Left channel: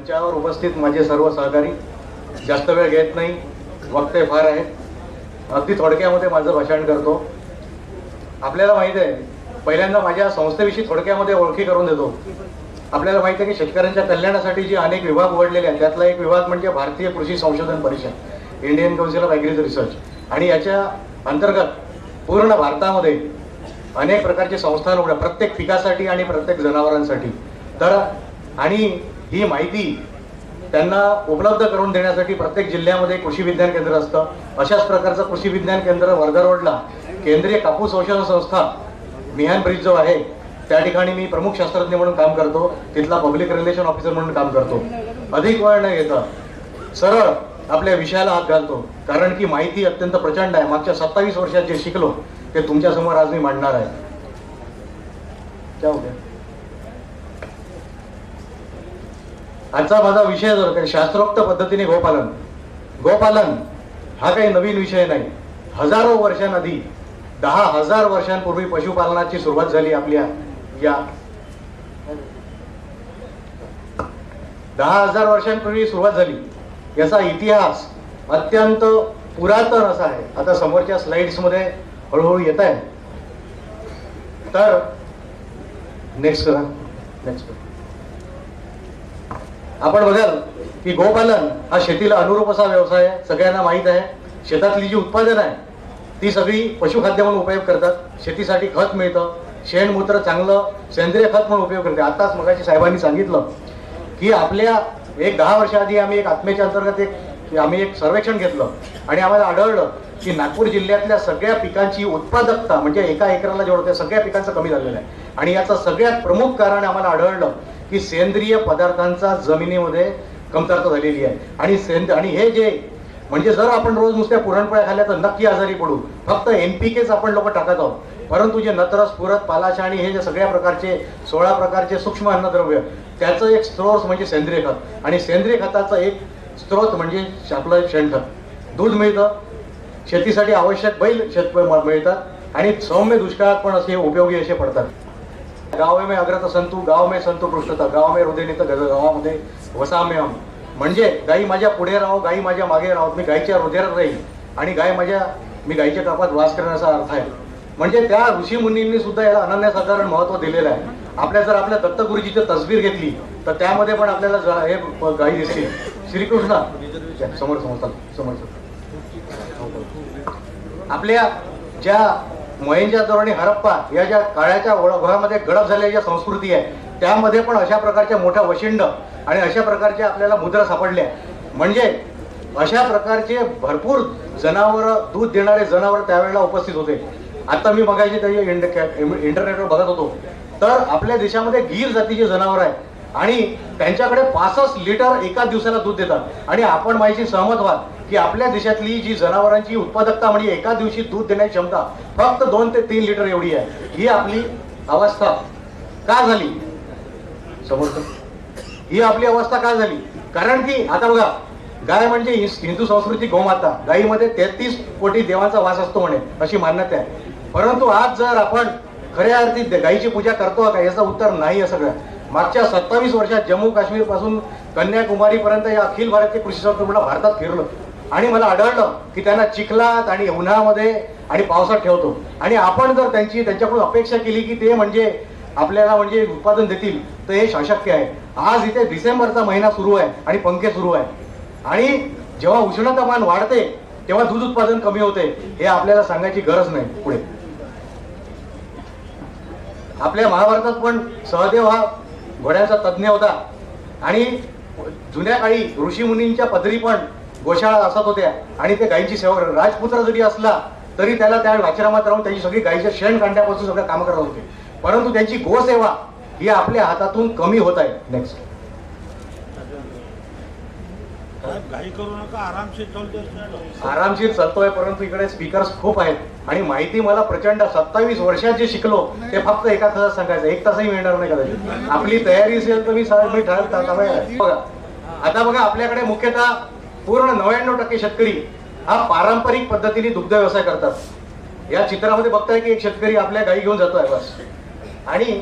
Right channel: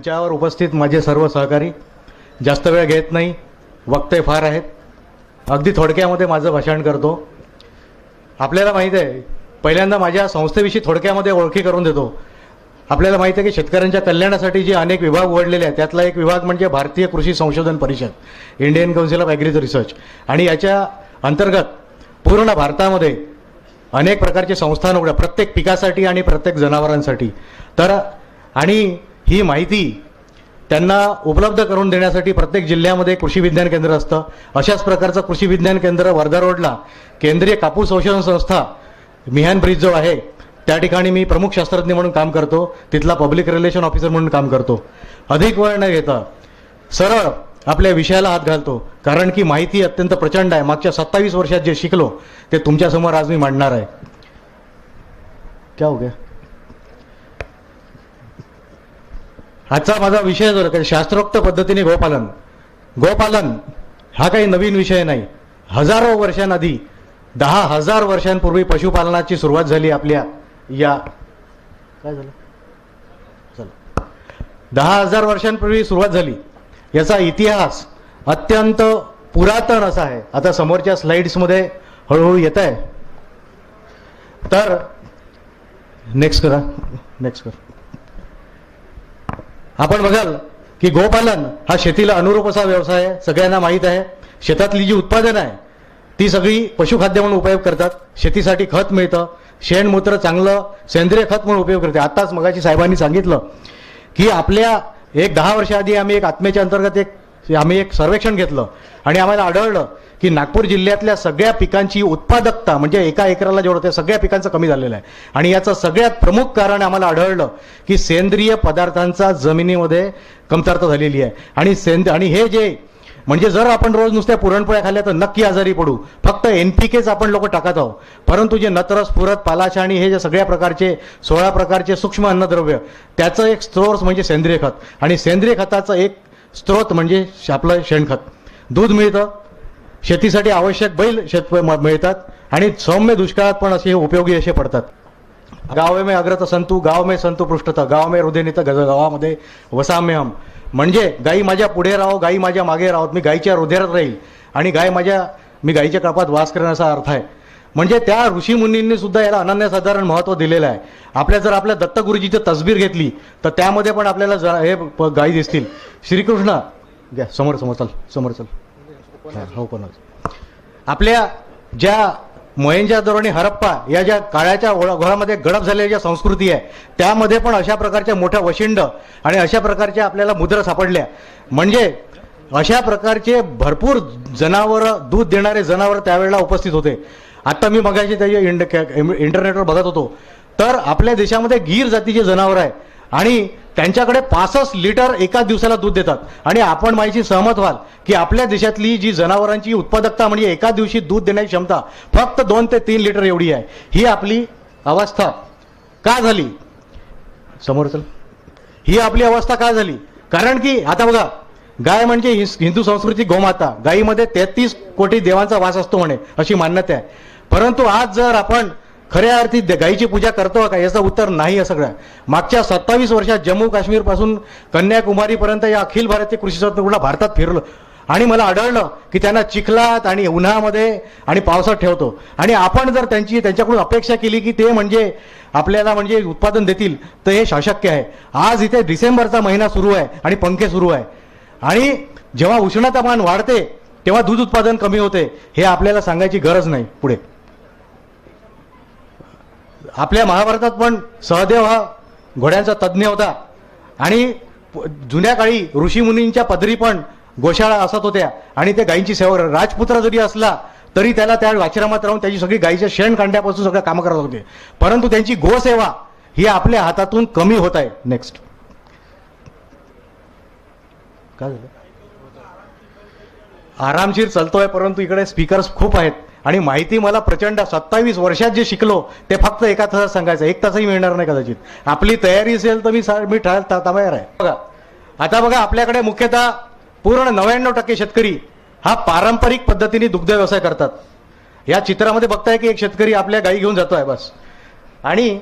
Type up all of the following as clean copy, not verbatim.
मंचावर उपस्थित माझे सर्व सहकारी, जास्त वेळ घेत नाही, वक्ते फार आहे, अगदी थोडक्यामध्ये माझं भाषण करतो. आपल्याला माहीत आहे, पहिल्यांदा माझ्या संस्थेविषयी थोडक्यामध्ये ओळखी करून देतो. आपल्याला माहीत आहे की शेतकऱ्यांच्या कल्याणासाठी जे अनेक विभाग उघडलेले आहेत, त्यातला एक विभाग म्हणजे भारतीय कृषी संशोधन परिषद, Indian council of agri research. आणि याच्या अंतर्गत पूर्ण भारतामध्ये अनेक प्रकारचे संस्थान उघडा, प्रत्येक पिकासाठी आणि प्रत्येक जनावरांसाठी. तर आणि ही माहिती त्यांना उपलब्ध करून देण्यासाठी प्रत्येक जिल्ह्यामध्ये कृषी विज्ञान केंद्र असतं. अशाच प्रकारचं कृषी विज्ञान केंद्र वर्धा रोडला केंद्रीय कापूस संशोधन संस्था मिहान ब्रिज जो आहे, त्या ठिकाणी मी प्रमुख शास्त्रज्ञ म्हणून काम करतो, तिथला पब्लिक रिलेशन ऑफिसर म्हणून काम करतो. अधिक वेळ न घेता सरळ आपल्या विषयाला हात घालतो, कारण की माहिती अत्यंत प्रचंड आहे. मागच्या 27 वर्षात जे शिकलो ते तुमच्यासमोर आज मी मांडणार आहे. क्या हो गया? आजचा माझा विषय जर शास्त्रोक्त पद्धतीने गोपालन. गोपालन हा काही नवीन विषय नाही. हजारो वर्षांआधी 10,000 वर्षांपूर्वी पशुपालनाची सुरुवात झाली आपल्या या 10,000 वर्षांपूर्वी सुरुवात झाली. याचा इतिहास अत्यंत पुरातन असा आहे. आता समोरच्या स्लाइड्स मध्ये हळूहळू येत आहे. तर नेक्स्ट करा, नेक्स्ट करा. आपण बघाल की गोपालन हा शेतीला अनुरूप असा व्यवसाय आहे. सगळ्यांना माहीत आहे, शेतातली जी उत्पादन आहे ती सगळी पशुखाद्य म्हणून उपयोग करतात. शेतीसाठी खत मिळतं, शेणमूत्र चांगलं सेंद्रिय खत म्हणून उपयोग करते. आताच मगाशी साहेबांनी सांगितलं की आपल्या 10 वर्ष आधी आम्ही एक आत्मेच्या अंतर्गत आम्ही एक सर्वेक्षण घेतलं आणि आम्हाला आढळलं की नागपूर जिल्ह्यातल्या सगळ्या पिकांची उत्पादकता म्हणजे एका एकराला जेवढं ते सगळ्या पिकांचं कमी झालेलं आहे. आणि याचं सगळ्यात प्रमुख कारण आम्हाला आढळलं की सेंद्रिय पदार्थांचा जमिनीमध्ये कमतरता झालेली आहे. आणि हे जे म्हणजे जर आपण रोज नुसत्या पुरणपोळ्या खाल्ल्या तर नक्की आजारी पडू. फक्त NPKच आपण लोक टाकत आहोत, परंतु जे नत्र, स्फुरद, पालाश आणि हे जे सगळ्या प्रकारचे 16 प्रकारचे सूक्ष्म अन्नद्रव्य त्याचं एक स्त्रोत म्हणजे सेंद्रिय खत. आणि सेंद्रिय खताचं एक स्त्रोत म्हणजे आपलं शेणखत. दूध मिळतं, शेतीसाठी आवश्यक बैल मिळतात आणि सौम्य दुष्काळात पण असे उपयोगी असे पडतात. गाव में अग्रत संतू, गाव में संतू पृष्ठता, गाव में हृदय नित गज, गावामध्ये वसाम्यहम. म्हणजे गाई माझ्या पुढे राहो, गाई माझ्या मागे राहो, मी गायीच्या हृदयात राहील आणि मी गायीच्या कपात वास करण्याचा अर्थ आहे. म्हणजे त्या ऋषीमुनींनी सुद्धा याला अनन्यसाधारण महत्व दिलेलं आहे. आपल्या दत्तगुरुजीची तसबीर घेतली तर त्यामध्ये पण आपल्याला हे गायी दिसतील. श्रीकृष्ण समोर आपल्या ज्या मोहेंजोदडो आणि हरप्पा या ज्या काळाच्या घरामध्ये गडप झालेल्या ज्या संस्कृती आहे त्यामध्ये पण अशा प्रकारच्या मोठ्या वशिंड आणि अशा प्रकारच्या आपल्याला मुद्रा सापडल्या. म्हणजे अशा प्रकारचे भरपूर जनावर, दूध देणारे जनावर त्यावेळेला उपस्थित होते. आता मी मगाशी त्याच्या इंटरनेटवर बघत होतो तर आपल्या देशामध्ये गीर जातीचे जनावर आहे आणि त्यांच्याकडे 65 लिटर एका दिवसाला दूध देतात. आणि आपण माझी सहमत व्हाल की आपल्या देशातली जी जनावरांची उत्पादकता म्हणजे एका दिवशी दूध देण्याची क्षमता फक्त 2 ते 3 लिटर एवढी आहे. ही आपली अवस्था का झाली? समोरचं ही आपली अवस्था का झाली? कारण की आता बघा, गाय म्हणजे हिंदू संस्कृती गोमाता, गायीमध्ये 33 कोटी देवांचा वास असतो म्हणे अशी मान्यता आहे. परंतु आज जर आपण खऱ्या अर्थी गायीची पूजा करतो का, याचं उत्तर नाही आहे. सगळं मागच्या 27 वर्षात जम्मू काश्मीर पासून कन्याकुमारी पर्यंत या अखिल भारतीय कृषी संस्था भारतात फिरलो आणि मला आढळलं की त्यांना चिखलात आणि उन्हामध्ये आणि पावसात ठेवतो. आणि आपण जर त्यांच्याकडून अपेक्षा केली की ते म्हणजे आपल्याला म्हणजे उत्पादन देतील तर हे अशक्य आहे. आज इथे डिसेंबरचा महिना सुरू आहे आणि पंखे सुरू आहे आणि जेव्हा उष्णतामान वाढते तेव्हा दूध उत्पादन कमी होते. हे आपल्याला सांगायची गरज नाही. पुढे आपल्या महाभारतात पण सहदेव हा घोड्यांचा तज्ज्ञ होता आणि जुन्या काळी ऋषीमुनींच्या पदरी पण गोशाळा असत होत्या आणि त्या गायींची सेवा. राजपुत्र जरी असला तरी त्याला त्या आश्रमात राहून त्याची सगळी गायीच्या शेण कांड्यापासून सगळं काम करत होते. परंतु त्यांची गोसेवा ही आपल्या हातातून कमी होत आहे. नेक्स्ट. आरामशीर चालतोय, परंतु इकडे स्पीकर्स खूप आहेत आणि माहिती मला प्रचंड 27 वर्षात जे शिकलो ते फक्त एका तासात सांगायचं. 1 तासही मिळणार नाही कदाचित. आपली तयारी असेल तर मी तयार आहे. आता बघा, आपल्याकडे मुख्यतः पूर्ण 99% शेतकरी हा पारंपरिक पद्धतीने दुग्ध व्यवसाय करतात. या चित्रामध्ये बघताय की एक शेतकरी आपल्या गायी घेऊन जातोय बस. आणि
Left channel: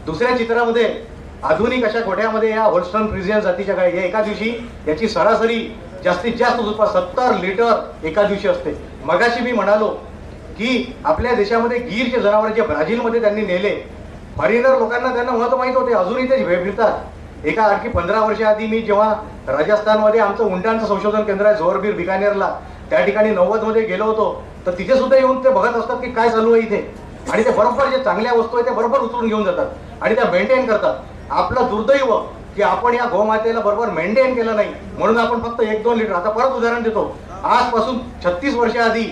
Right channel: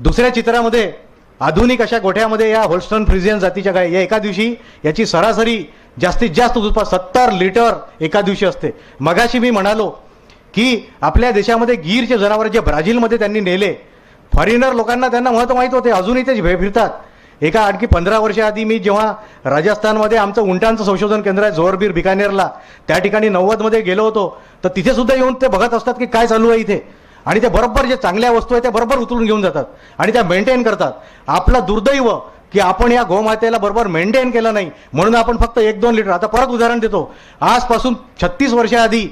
दुसऱ्या चित्रामध्ये आधुनिक अशा गोठ्यामध्ये या होल्स्टन फ्रिजियन जातीच्या गायी या एका दिवशी याची सरासरी जास्तीत जास्त दूध उत्पादन 70 लिटर एका दिवशी असते. मगाशी मी म्हणालो की आपल्या देशामध्ये गीरचे जनावर जे ब्राझीलमध्ये त्यांनी नेले, फॉरेनर लोकांना त्यांना महत्व माहित होते, अजूनही ते फिरतात. एका आणखी 15 वर्षाआधी मी जेव्हा राजस्थानमध्ये आमचं उंटांचं संशोधन केंद्र आहे जोरबीर बिकानेरला, त्या ठिकाणी 90 मध्ये गेलो होतो, तर तिथे सुद्धा येऊन ते बघत असतात की काय चालू आहे इथे, आणि ते बरोबर जे चांगल्या वस्तू आहेत त्या बरोबर उचलून घेऊन जातात आणि त्या मेंटेन करतात. आपलं दुर्दैव की आपण या गोमातेला बरोबर मेंटेन केलं नाही, म्हणून आपण फक्त 1-2 लिटर. आता परत उदाहरण देतो, आजपासून 36 वर्षाआधी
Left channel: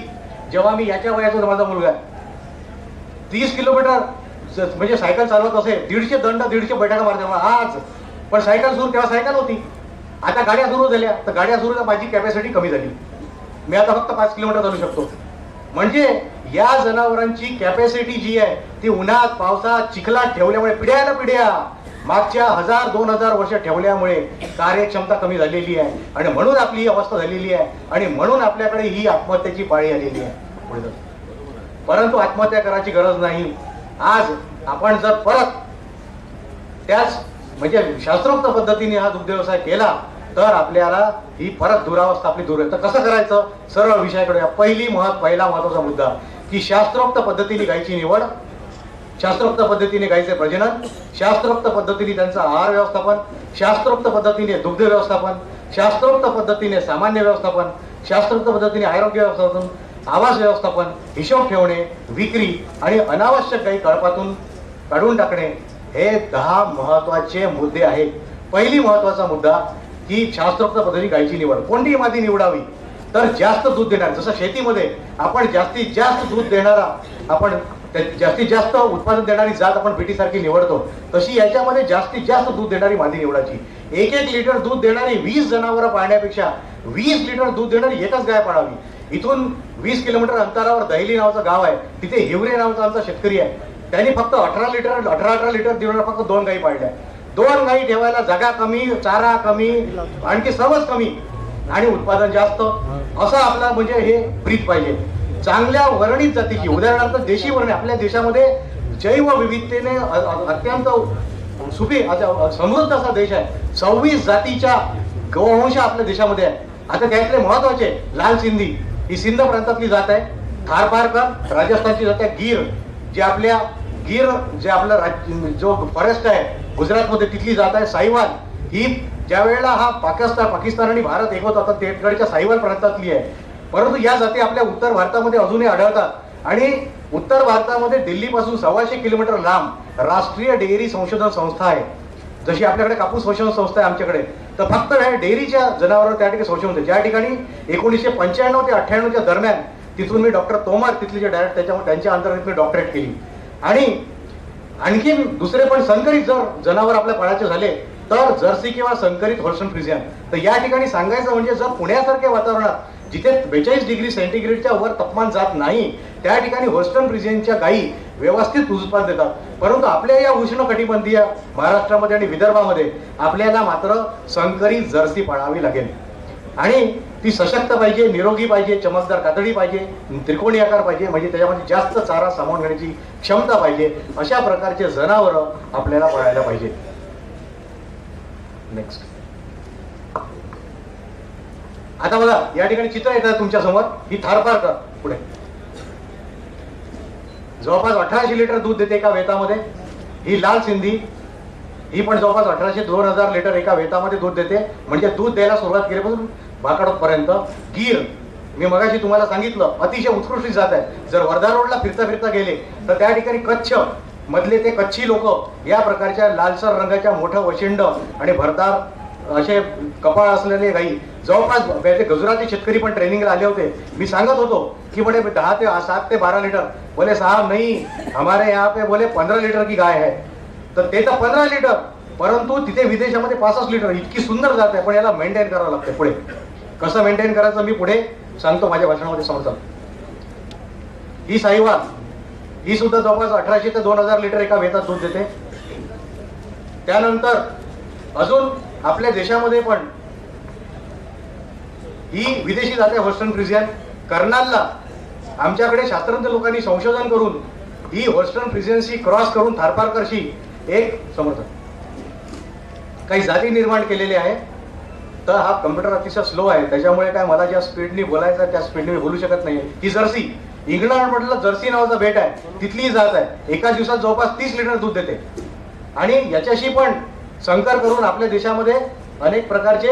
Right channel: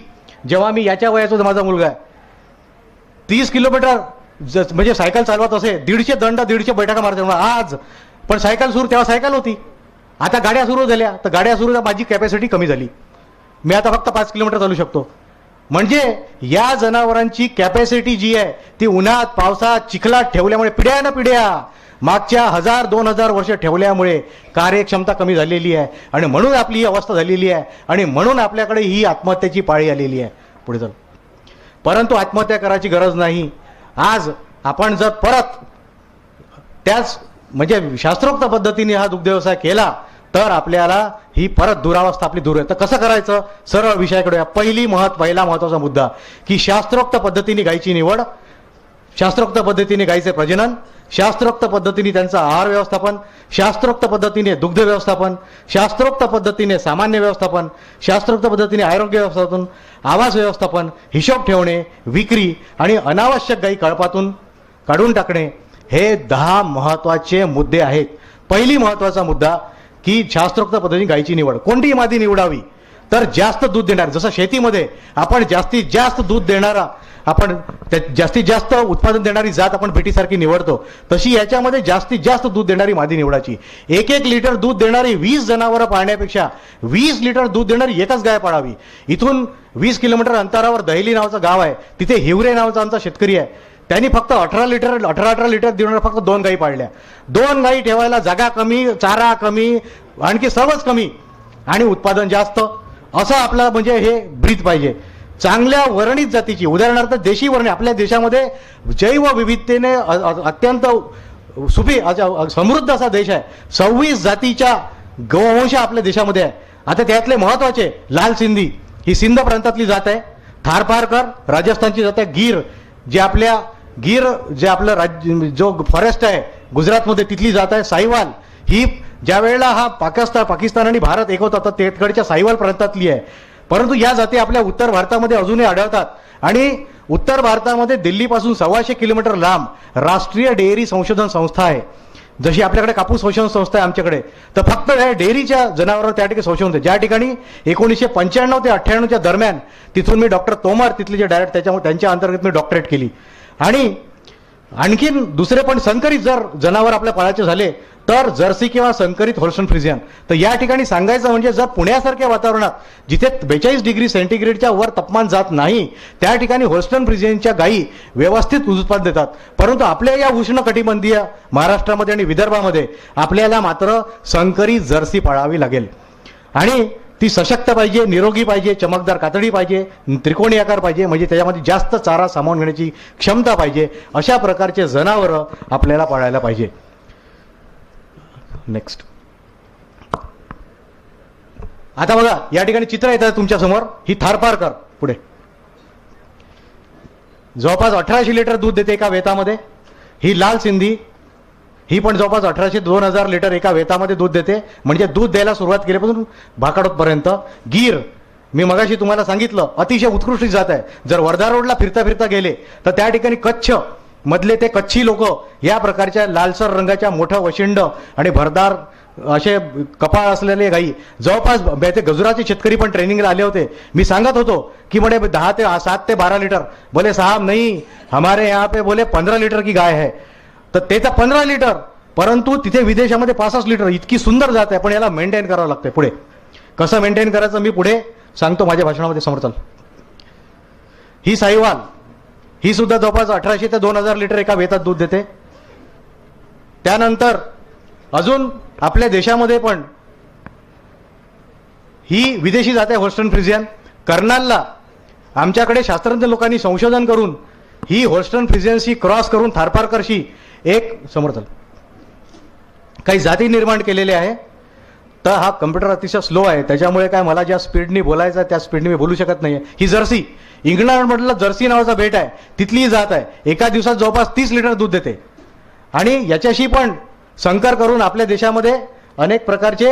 जेव्हा मी याच्या वयाचा माझा मुलगा 30 किलोमीटर म्हणजे सायकल चालवत असे, 150 दंड 150 बैठका मारते आज. पण सायकल सुरू, तेव्हा सायकल होती, आता गाड्या सुरू झाल्या, तर गाड्या सुरू माझी कॅपॅसिटी कमी झाली, मी आता फक्त 5 किलोमीटर चालू शकतो. म्हणजे या जनावरांची कॅपॅसिटी जी आहे ती उन्हात पावसात चिखलात ठेवल्यामुळे पिढ्या मागच्या 1000-2000 वर्ष ठेवल्यामुळे कार्यक्षमता कमी झालेली आहे, आणि म्हणून आपली ही अवस्था झालेली आहे, आणि म्हणून आपल्याकडे ही आत्महत्येची पाळी आलेली आहे पुढे जाऊन. परंतु आत्महत्या करायची गरज नाही. आज आपण जर परत त्याच म्हणजे शास्त्रोक्त पद्धतीने हा दुग्ध व्यवसाय केला तर आपल्याला ही परत दुरावस्था आपली दूर आहे. तर कसं करायचं, सरळ विषयाकडे. पहिला महत्वाचा मुद्दा की शास्त्रोक्त पद्धतीने गायीची निवड, शास्त्रोक्त पद्धतीने गायीचे प्रजनन, शास्त्रोक्त पद्धतीने त्यांचं आहार व्यवस्थापन, शास्त्रोक्त पद्धतीने दुग्ध व्यवस्थापन, शास्त्रोक्त पद्धतीने सामान्य व्यवस्थापन, शास्त्रोक्त पद्धतीने आरोग्य व्यवस्थापन, आवास व्यवस्थापन, हिशोब ठेवणे, विक्री आणि अनावश्यक गायी कळपातून काढून टाकणे, हे 10 महत्वाचे मुद्दे आहेत. पहिली महत्वाचा मुद्दा की शास्त्रोक्त पद्धतीने गायीची निवड. कोणतीही माती निवडावी तर जास्त दूध देणार. जसं शेतीमध्ये आपण जास्तीत जास्त दूध देणारा, आपण जास्तीत जास्त उत्पादन देणारी जात आपण पेटीसारखी निवडतो, तशी याच्यामध्ये जास्तीत जास्त दूध देणारी मादी निवडायची. 1-1 लिटर दूध देणारी 20 जनावरं पाळण्यापेक्षा 20 लिटर दूध देणारी एकच गाय पाळावी. इथून 20 किलोमीटर अंतरावर दहिली नावाचं गाव आहे, तिथे हिवरे नावाचा आमचा शेतकरी आहे, त्यांनी फक्त 18 लिटर देणाऱ्या फक्त 2 गायी पाळल्या. 2 गायी ठेवायला जागा कमी, चारा कमी, आणखी सर्वच कमी, आणि उत्पादन जास्त. असं आपला म्हणजे हे ब्रीद पाहिजे. चांगल्या वर्णित जातीची, उदाहरणार्थ देशी वर्णी. आपल्या देशामध्ये जैव विविधतेने अत्यंत समृद्ध असा देश आहे. 26 जातीच्या गोवंश आपल्या देशामध्ये आहे. आता त्यातले महत्वाचे लाल सिंधी, ही सिंध प्रांतातली जात आहे. थारपारकर राजस्थानची जात आहे. गीर जे आपलं जो फॉरेस्ट आहे गुजरातमध्ये, तिथली जात आहे. साहिवाल ही ज्या वेळेला हा पाकिस्तान आणि भारत एक होता तिकडच्या साहिवाल प्रांतातली आहे. परंतु या जाती आपल्या उत्तर भारतामध्ये अजूनही आढळतात, आणि उत्तर भारतामध्ये दिल्लीपासून 125 किलोमीटर लांब राष्ट्रीय डेअरी संशोधन संस्था आहे. जशी आपल्याकडे कापूस संशोधन संस्था आहे आमच्याकडे, तर फक्त डेअरीच्या जनावरांवर त्या ठिकाणी संशोधन होते. ज्या ठिकाणी 1995 ते 98 दरम्यान तिथून मी डॉक्टर तोमर तिथले जे डायरेक्ट त्यांच्या अंतर्गत मी डॉक्टरेट केली. आणि आणखी दुसरे पण संकरित जर जनावर आपल्या पाळायचे झाले तर जर्सी किंवा संकरित होल्स्टन फ्रिजियन. तर या ठिकाणी सांगायचं म्हणजे जर पुण्यासारख्या वातावरणात जिथे 42 डिग्री सेंटीग्रेडच्या वर तापमान जात नाही, त्या ठिकाणी होल्स्टन फ्रिजियनच्या गायी व्यवस्थित उत्पादन देतात. परंतु आपल्या या उष्णकटिबंधीय महाराष्ट्रामध्ये आणि विदर्भामध्ये आपल्याला मात्र संकरित जर्सी पाळावी लागेल, आणि ती सशक्त पाहिजे, निरोगी पाहिजे, चमकदार कातडी पाहिजे, त्रिकोणी आकार पाहिजे, म्हणजे त्याच्यामध्ये जास्त चारा सामावून घेण्याची क्षमता पाहिजे. अशा प्रकारचे जनावरं आपल्याला पाळायला पाहिजे. नेक्स्ट, आता बघा या ठिकाणी चित्र येतात तुमच्या समोर. ही थारपारकर पुढे जवळपास 1800 लिटर दूध देते एका वेतामध्ये. ही लाल सिंधी, ही पण जवळपास 1800-2000 लिटर एका वेतामध्ये दूध देते, म्हणजे दूध द्यायला सुरुवात केल्यापासून भाकडोतपर्यंत. गीर मी मगाशी तुम्हाला सांगितलं अतिशय उत्कृष्ट जात आहे. जर वर्धा रोडला फिरता गेले तर त्या ठिकाणी कच्छ मधले ते कच्छी लोक या प्रकारच्या लालसर रंगाच्या मोठं वशिंड आणि भरदार असे कपाळ असलेले गायी, जवळपास ते गुजराती शेतकरी पण ट्रेनिंगला आले होते. मी सांगत होतो की बोले 7 ते 12 लिटर, बोले साहब नहीं हमारे यहाँ पे बोले 15 लिटर की गाय है. तर ते तर 15 लिटर, परंतु तिथे विदेशामध्ये 65 लिटर. इतकी सुंदर जात आहे, पण याला मेंटेन करावं लागतं. पुढे कसं मेंटेन करायचं मी पुढे सांगतो माझ्या भाषणामध्ये समोर. ही साहिवाल, ही सुद्धा जवळपास 1800 ते 2000 लिटर एका वेतात दूध देते. त्यानंतर अजून आपल्या देशामध्ये पण ही विदेशी जाते होल्स्टन फ्रिजियन. कर्नालला आमच्याकडे शास्त्रज्ञ लोकांनी संशोधन करून ही होल्स्टन फ्रिजियनशी क्रॉस करून थारपारकरशी एक समर्थ काही जाती निर्माण केलेल्या आहे. तर हा कम्प्युटर अतिशय स्लो आहे, त्याच्यामुळे काय मला ज्या स्पीडनी बोलायचं त्या स्पीडनी मी बोलू शकत नाही. ही जर्सी, इंग्लंड म्हटलं जर्सी नावाचा बेट आहे, तिथली जात आहे. एका दिवसात जवळपास 30 लिटर दूध देते. आणि याच्याशी पण संकर करून आपल्या देशामध्ये अनेक प्रकारचे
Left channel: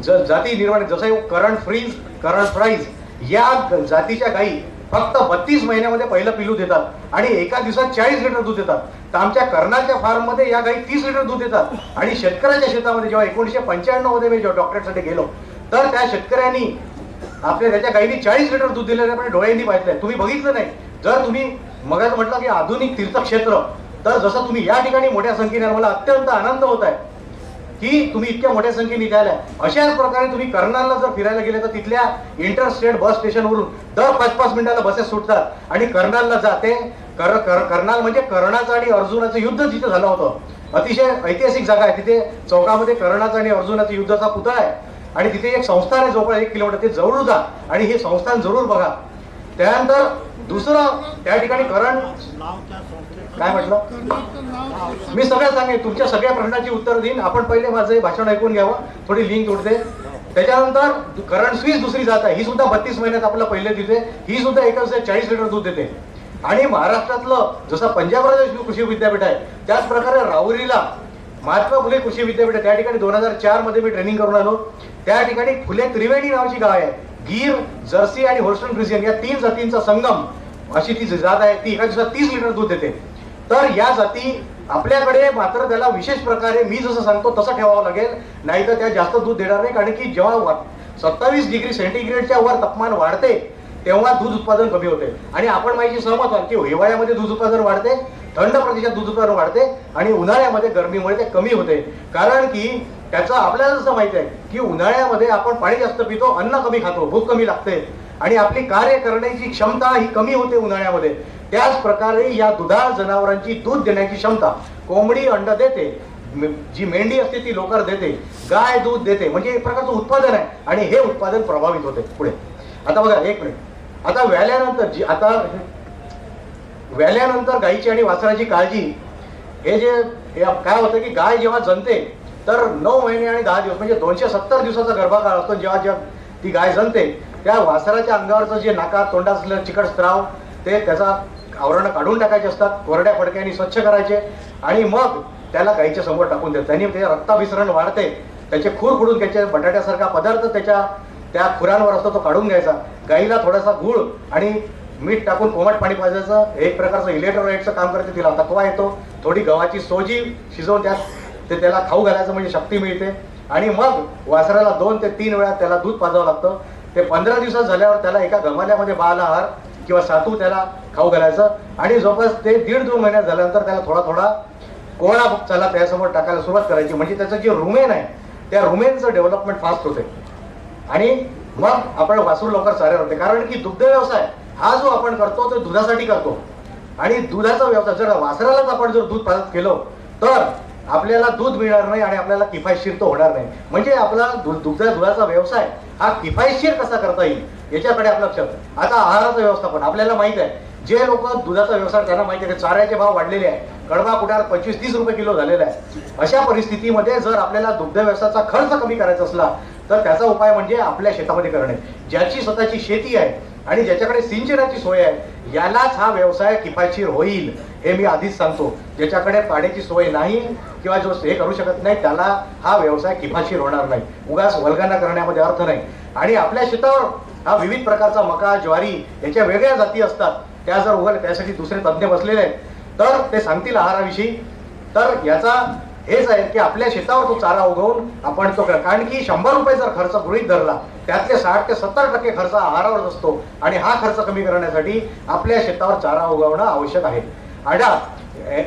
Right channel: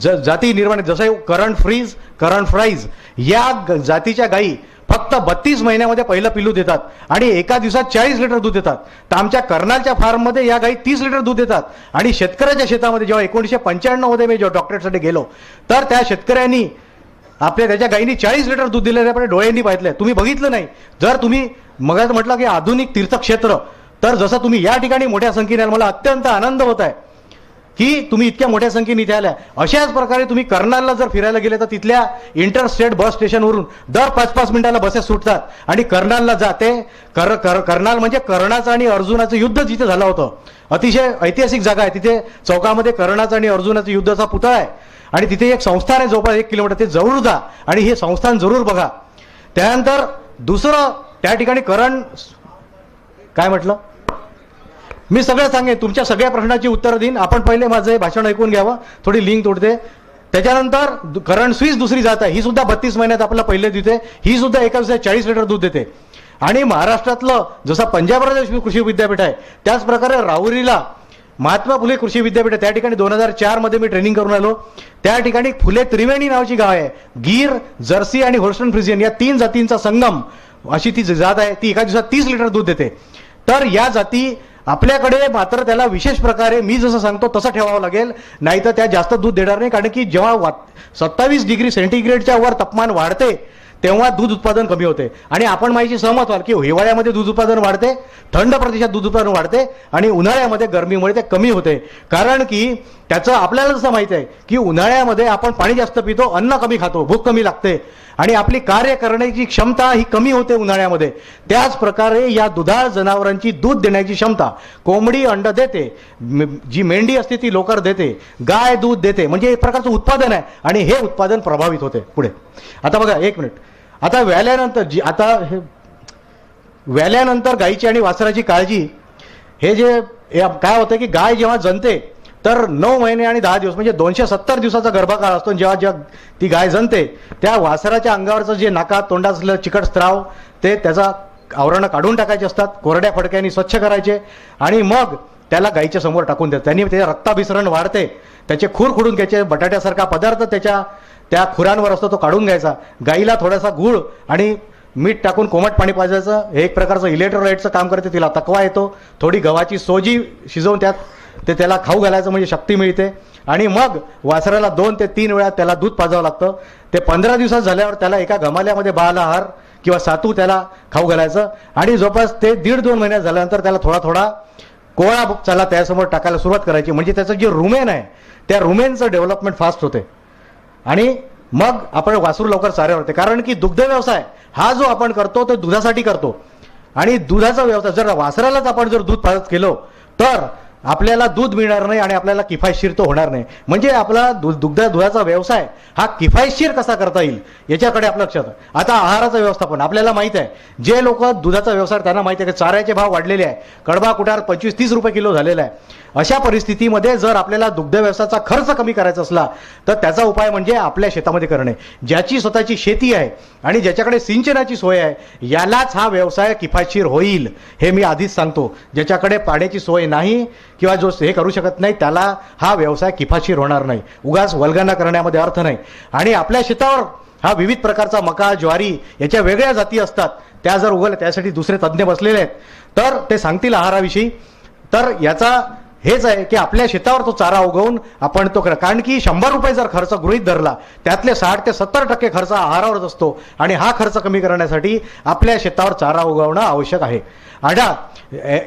जाती निर्माण, जसं करण फ्रीज, करण फ्राईज या जातीच्या गायी फक्त 32 महिन्यामध्ये पहिलं पिल्लू देतात आणि एका दिवसात 40 लिटर दूध देतात. तर आमच्या कर्नालच्या फार्ममध्ये या गायी 30 लिटर दूध देतात. आणि शेतकऱ्याच्या शेतामध्ये जेव्हा 1995 मध्ये मी जेव्हा डॉक्टरसाठी गेलो तर त्या शेतकऱ्यांनी त्याच्या गायीनी 40 लिटर दूध दिलेलं आपण डोळ्यांनी पाहिलंय. तुम्ही बघितलं नाही. जर तुम्ही मगाच म्हटलं की आधुनिक तीर्थक्षेत्र, तर जसं तुम्ही या ठिकाणी मोठ्या संख्येने, मला अत्यंत आनंद होत आहे की तुम्ही इतक्या मोठ्या संख्येने इथे आल्या. अशाच प्रकारे तुम्ही कर्नालला जर फिरायला गेले तर तिथल्या इंटरस्टेट बस स्टेशनवरून दर 5-5 मिनिटाला बसेस सुटतात आणि कर्नालला जाते. कर्नाल म्हणजे कर्णाचं आणि अर्जुनाचं युद्ध जिथे झालं होतं, अतिशय ऐतिहासिक जागा आहे. तिथे चौकामध्ये कर्णाचं आणि अर्जुनाचं युद्धाचा पुतळा आहे आणि तिथे एक संस्थान आहे जवळपास 1 किलोमीटर, ते जरूर जा आणि हे संस्थान जरूर बघा. त्यानंतर दुसरं त्या ठिकाणी काय म्हटलं मी सगळं सांगेन, तुमच्या सगळ्या प्रश्नाची उत्तर देईन. आपण पहिले माझं भाषण ऐकून घ्यावं, थोडी लिंक तोडते. त्याच्यानंतर करण स्विस दुसरी जात आहे, ही सुद्धा 32 महिन्यात आपलं पहिले देते. ही सुद्धा एका दिवसात 40 लिटर दूध देते. आणि महाराष्ट्रातलं जसं पंजाबराव देशमुख कृषी विद्यापीठ आहे त्याच प्रकारे राहुरीला महात्मा फुले कृषी विद्यापीठ आहे. त्या ठिकाणी 2004 मध्ये मी ट्रेनिंग करून आलो. त्या ठिकाणी फुले त्रिवेणी नावाची गाव आहे. गीर, जर्सी आणि होल्स्टन फ्रिजियन या 3 जातींचा संगम अशी ती जात आहे. ती एका दिवसात 30 लिटर दूध देते. तर या जाती आपल्याकडे मात्र त्याला विशेष प्रकारे मी जसं सांगतो तसं ठेवावं लागेल, नाहीतर त्या जास्त दूध देणार नाही. कारण की जेव्हा 27 डिग्री सेंटीग्रेडच्या वर तापमान वाढते तेव्हा दूध उत्पादन कमी होते. आणि आपण माझी सहमत व्हाल की हिवाळ्यामध्ये दूध उत्पादन वाढते, थंड प्रदेशात दूध उत्पादन वाढते आणि उन्हाळ्यामध्ये गरमीमुळे ते कमी होते. कारण की त्याचं आपल्याला जसं माहिती आहे की उन्हाळ्यामध्ये आपण पाणी जास्त पितो, अन्न कमी खातो, भूक कमी लागते आणि आपली कार्य करण्याची क्षमता ही कमी होते उन्हाळ्यामध्ये. त्याच प्रकारे या दुधाळ जनावरांची दूध देण्याची क्षमता, कोंबडी अंड देते, जी मेंढी असते ती लोकर देते, गाय दूध देते, म्हणजे एक प्रकारचं उत्पादन आहे आणि हे उत्पादन प्रभावित होते पुढे. आता बघा 1 मिनिट, आता व्याल्यानंतर गायीची आणि वासराची काळजी, हे जे काय होतं की गाय जेव्हा जणते तर 9 महिने आणि 10 दिवस म्हणजे 270 दिवसाचा गर्भकाळ असतो. जेव्हा ती गाय जणते त्या वासराच्या अंगावरचं जे नाकात तोंडात असलेलं चिकट स्त्राव ते त्याचा आवरण काढून टाकायचे असतात, कोरड्या फडक्याने स्वच्छ करायचे आणि मग त्याला गायीच्या समोर टाकून देतात. त्यांनी त्याचे रक्ताभिसरण वाढते, त्याचे खूर खुडून घ्यायचे, बटाट्यासारखा पदार्थ त्या खुरांवर असतो तो काढून घ्यायचा. गाईला थोडासा गूळ आणि मीठ टाकून कोमट पाणी पाजायचं. हे एक प्रकारचं इलेक्ट्रोलाइटचं काम करते, तिला तकवा येतो. थोडी गव्हाची सोजी शिजवून त्याला खाऊ घालायचं म्हणजे शक्ती मिळते. आणि मग वासराला 2 ते 3 वेळा त्याला दूध पाजावं लागतं. ते 15 दिवसात झाल्यावर त्याला एका गमाल्यामध्ये बाल आहार किंवा सातू त्याला खाऊ घालायचं आणि जवळपास ते 1.5-2 महिन्यात झाल्यानंतर त्याला थोडा थोडा कोवळा त्याला त्यासमोर टाकायला सुरुवात करायची. म्हणजे त्याचं जे रुमेन आहे त्या रुमेनचं डेव्हलपमेंट फास्ट होते आणि मग आपण वासरू लवकर चाऱ्यावर होते. कारण की दुग्ध व्यवसाय हा जो आपण करतो तो दुधासाठी करतो आणि दुधाचा व्यवसाय जर वासरालाच आपण जर दूध पाजत केलो तर आपल्याला दूध मिळणार नाही आणि आपल्याला किफायतशीर तो होणार नाही. म्हणजे आपला दुधाचा व्यवसाय हा किफायतशीर कसा करता येईल याच्याकडे आपलं लक्ष. आता आहाराचं व्यवस्थापन आपल्याला माहित आहे, जे लोक दुधाचा व्यवसाय त्यांना माहिती आहे की चाऱ्याचे भाव वाढलेले आहे, कडबा कुटार 25-30 रुपये किलो झालेला आहे. अशा परिस्थितीमध्ये जर आपल्याला दुग्ध व्यवसायाचा खर्च कमी करायचा असला तर त्याचा उपाय म्हणजे आपल्या शेतामध्ये करणे. ज्याची स्वतःची शेती आहे आणि ज्याच्याकडे सिंचनाची सोय आहे यालाच हा व्यवसाय किफायतशीर होईल, हे मी आधीच सांगतो. ज्याच्याकडे पाण्याची सोय नाही किंवा जो हे करू शकत नाही त्याला हा व्यवसाय किफायतशीर होणार नाही. उगाच वल्गना करण्यामध्ये अर्थ नाही. आणि आपल्या शेतावर हा विविध प्रकारचा मका, ज्वारी याच्या वेगळ्या जाती असतात, त्या जर उगवल्या त्यासाठी दुसरे तज्ञ बसलेले आहेत तर ते सांगतील आहाराविषयी. तर याचा हेच आहे की आपल्या शेतावर तो चारा उगवून आपण तो करा. कारण की 100 रुपये जर खर्च गृहीत धरला त्यातले 60 ते 70% खर्च आहारावरच असतो आणि हा खर्च कमी करण्यासाठी आपल्या शेतावर चारा उगवणं आवश्यक आहे.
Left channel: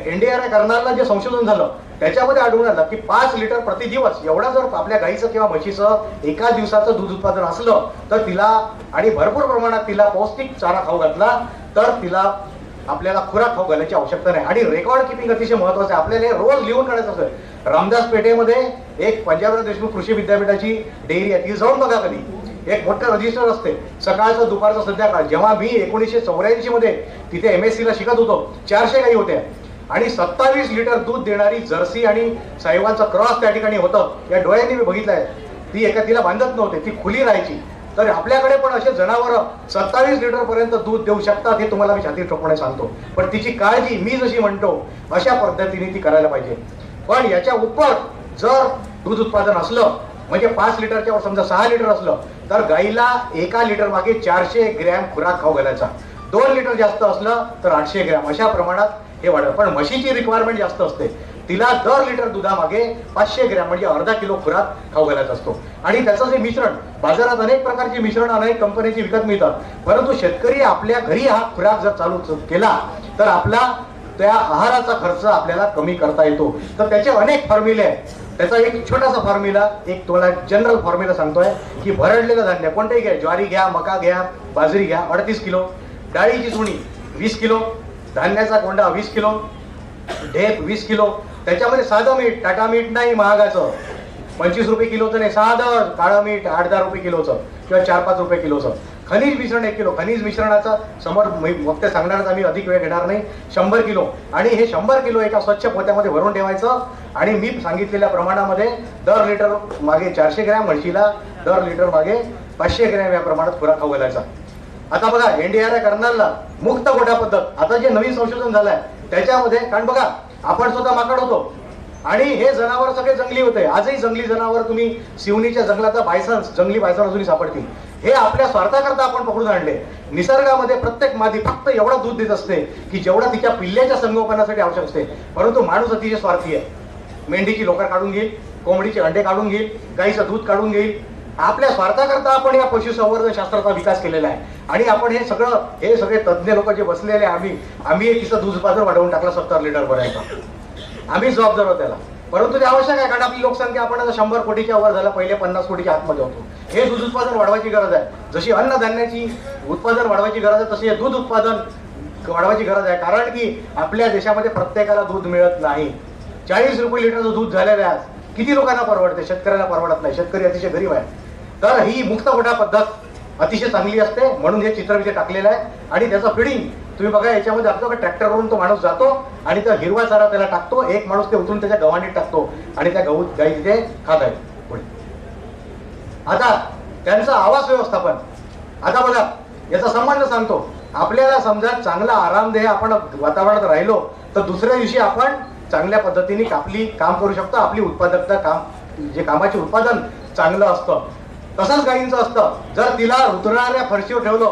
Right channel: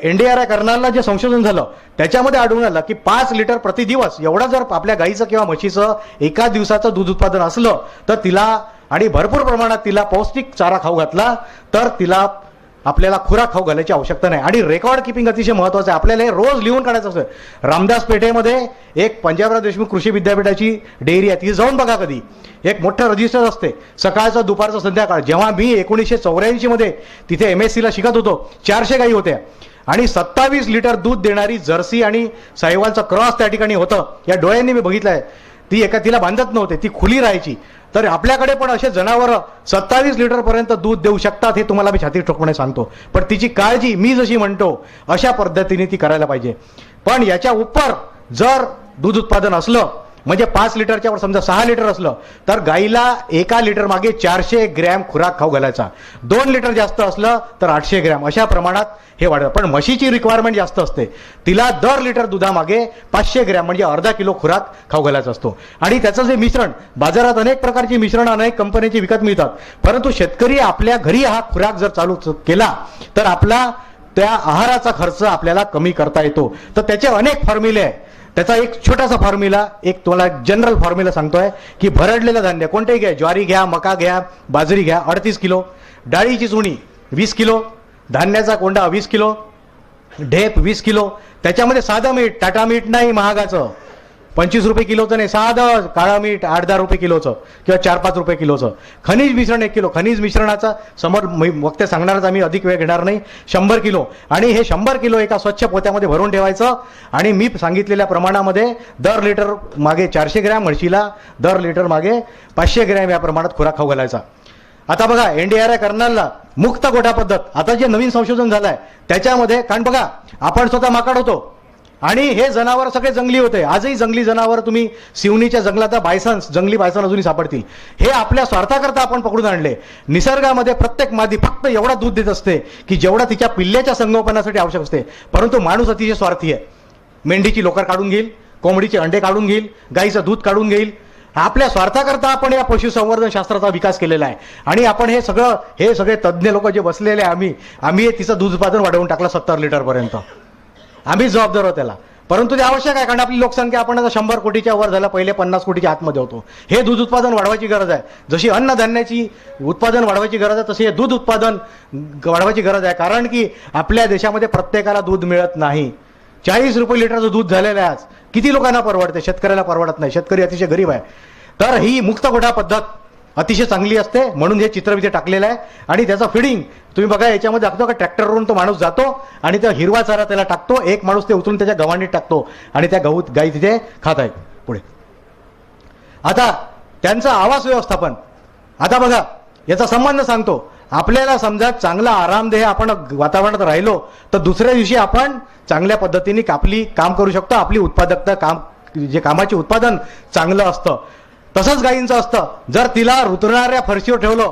NDRI कर्नालला जे संशोधन झालं त्याच्यामध्ये आढळून आलं की 5 लिटर प्रतिदिवस एवढा जर आपल्या गाईचं किंवा म्हशीचं एका दिवसाचं दूध उत्पादन असलं तर तिला आणि भरपूर प्रमाणात तिला पौष्टिक चारा खाऊ घातला तर तिला आपल्याला खुराक खाऊ घालायची आवश्यकता नाही. आणि रेकॉर्ड किपिंग अतिशय महत्वाचं आहे. आपल्याला हे रोज लिहून काढायचं असेल. रामदास पेठेमध्ये एक पंजाबराव देशमुख कृषी विद्यापीठाची डेअरी आहे, ती जाऊन बघा कधी. एक मोठं रजिस्टर असते, सकाळचं दुपारचं संध्याकाळ. जेव्हा मी 1984 मध्ये तिथे MSc ला शिकत होतो 400 गायी होत्या आणि 27 लिटर दूध देणारी जर्सी आणि साहिवालचं क्रॉस त्या ठिकाणी होतं. या डोळ्यांनी मी बघितलंय. ती एका तिला बांधत नव्हते, ती खुली राहायची. तर आपल्याकडे पण असे जनावरं 27 लिटर पर्यंत दूध देऊ शकतात, हे तुम्हाला मी छाती ठोकपणे सांगतो. पण तिची काळजी मी जशी म्हणतो अशा पद्धतीने ती करायला पाहिजे. पण याच्या उपर जर दूध उत्पादन असलं, म्हणजे 5 लिटरच्या वर समजा 6 लिटर असलं, तर गाईला 1 लिटर मागे 400 ग्रॅम खुराक खाऊ घालायचा. 2 लिटर जास्त असलं तर 800 ग्रॅम, अशा प्रमाणात हे वाढत. पण म्हशीची रिक्वायरमेंट जास्त असते. तिला दर लिटर दुधामागे 500 ग्रॅम म्हणजे अर्धा किलो खुराक खाऊ घालायचा असतो. आणि त्याचं जे मिश्रण, बाजारात अनेक प्रकारची मिश्रण अनेक कंपन्यांची विकत मिळतात. परंतु शेतकरी आपल्या घरी हा खुराक जर चालू केला तर आपला त्या आहाराचा खर्च आपल्याला कमी करता येतो. तर त्याचे अनेक फॉर्म्युले आहेत. त्याचा एक छोटासा फॉर्म्युला, एक तुम्हाला जनरल फॉर्म्युला सांगतोय की भरडलेलं धान्य कोणतेही घ्या, ज्वारी घ्या, मका घ्या, बाजरी घ्या 38 किलो, डाळीची चुणी 20 किलो, धान्याचा कोंडा 20 किलो, ढेप 20 किलो, त्याच्यामध्ये साधं मीठ, टाटा मीठ नाही महागाचं, 25 रुपये किलोचं नाही, साधं काळा मीठ 8-10 रुपये किलोचं किंवा 4-5 रुपये किलोचं. खनिज मिश्रण 1 किलो, खनिज मिश्रणाचा समोर मग ते सांगणारच, आम्ही अधिक वेळ घेणार नाही. 100 किलो, आणि हे 100 किलो एका स्वच्छ पोत्यामध्ये भरून ठेवायचं. आणि मी सांगितलेल्या प्रमाणामध्ये दर लिटर मागे 400 ग्रॅम, म्हशीला दर लिटर मागे 500 ग्रॅम या प्रमाणात खुराक खाऊ घालायचा. आता बघा NDRI करणारला मुक्त गोठा पद्धत, आता जे नवीन संशोधन झालंय त्याच्यामध्ये, कारण बघा आपण स्वतः माकड होतो आणि हे जनावर सगळे जंगली होते. आजही जंगली जनावर तुम्ही सिवनीच्या जंगलाचा बायसन, जंगली बायसन अजूनही सापडती. हे आपल्या स्वार्थाकरता आपण पकडून आणले. निसर्गामध्ये प्रत्येक मादी फक्त एवढा दूध देत असते की जेवढा तिच्या पिल्ल्याच्या संगोपनासाठी आवश्यक असते. परंतु माणूस अतिशय स्वार्थी आहे. मेंढीची लोकर काढून घेईल, कोंबडीचे अंडे काढून घेईल, गाईचं दूध काढून घेईल. आपल्या स्वार्थाकरता आपण या पशुसंवर्धन शास्त्राचा विकास केलेला आहे. आणि आपण हे सगळे तज्ज्ञ लोक जे बसलेले आम्ही तिचं दूध उत्पादन वाढवून टाकलं 70 लिटर पर्यंत. आम्ही जबाबदार आहोत त्याला. परंतु ते आवश्यक आहे, कारण आपली लोकसंख्या आपण आता 100 कोटीच्या वर झाला, पहिले 50 कोटीच्या आतमध्ये होतो. हे दूध उत्पादन वाढवायची गरज आहे. जशी अन्नधान्याची उत्पादन वाढवायची गरज आहे, तशी हे दूध उत्पादन वाढवायची गरज आहे. कारण की आपल्या देशामध्ये प्रत्येकाला दूध मिळत नाही. 40 रुपये लिटरचं दूध झालेलं आहे आज. किती लोकांना परवडते? शेतकऱ्याला परवडत नाही. शेतकरी अतिशय गरीब आहे. तर ही मुक्त गोठा पद्धत अतिशय चांगली असते, म्हणून हे चित्र इथे टाकलेलं आहे. आणि त्याचं फिडिंग तुम्ही बघा, याच्यामध्ये दाखवतो का ट्रॅक्टरवरून तो माणूस जातो आणि त्या हिरवा चारा त्याला टाकतो. एक माणूस ते उचलून त्याच्या गव्हाणीत टाकतो आणि त्या गाई तिथे खात आहे. पुढे आता त्यांचं आवास व्यवस्थापन. आता बघा याचा संबंध सांगतो. आपल्याला समजा चांगला आरामदेह आपण वातावरणात राहिलो तर दुसऱ्या दिवशी आपण चांगल्या पद्धतीने काम करू शकतो. आपली उत्पादकता, जे कामाचे उत्पादन चांगलं असतं. तसंच गायींचं असतं. जर तिला रुतणाऱ्या फरशीवर ठेवलं,